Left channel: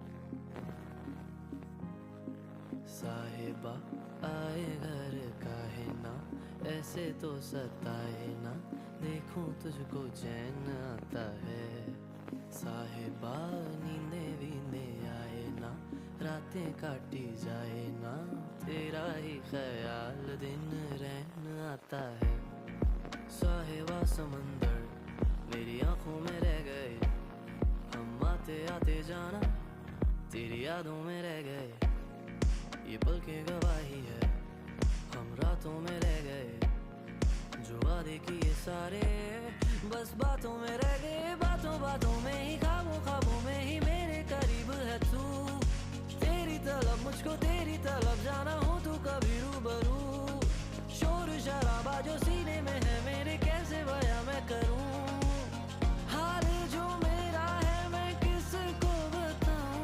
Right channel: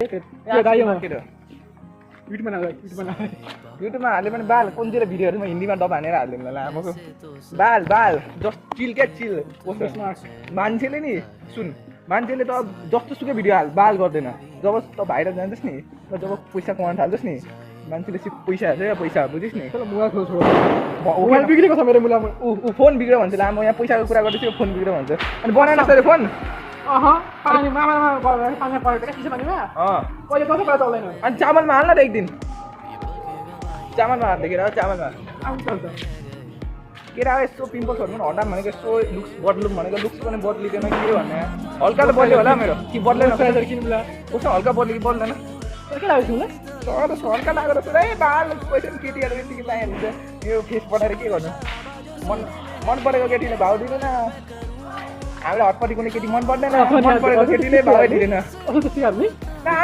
यो गायो मार्केट युट्युबमा हाल्यो भने बाल कुनतिर भिडियोहरुमा हिन्दीमा डब हानेर हाल्दिनु ल आमाको बाल जस्ट चिल के चिल मान्छेले नि सुन मान्छेले त जस्तो सुकै भिडियो हाल बाल गर्दैन जब त भाइरल जान्छस् नि जब पैसा कमाउन थाल्छस् नि मान्छेले सिर्फ पैसा हाल्छ पैसा बुझिस् नि मोबाइल बिग्रेको छ मेरो मुलामा उ फोन बिग्र्यो भन्छ ला म यहाँ पैसाको कुरा गर्दैछु फोन बिग्र्यो भन्छ अनि बनाएन त फोन पानी मामामा गरेर पानी परेको के भनिमा कहिले कसो कुरा चल्दैन अनि चामलमा हाल्न त एक दिन चामलमा हाल्दै चामलमा केरा यस्तो पिम्पल्सहरु पनि हटाम भनेको यस्तो लुक्स बदलुम भनेको लुक्स पनि बदलिदैन के भन्ने हल्का त बदल्यो होला मेरो कि बदलेन प्रेसर किन्नुला कस्तो हल्का बदल्यो बदल्दैन के लाग्यो तिमीलाई त हल्का लागेर पुरै बाल पैसा केटीहरु यति लाइन्छ यो फेस बनाएर के गर्नु मन परेको केटीले भाउ दिदैन हामीले हटपटी कुनै केटी मन पर्दैन मन परेको केटीले भाउ दिदैन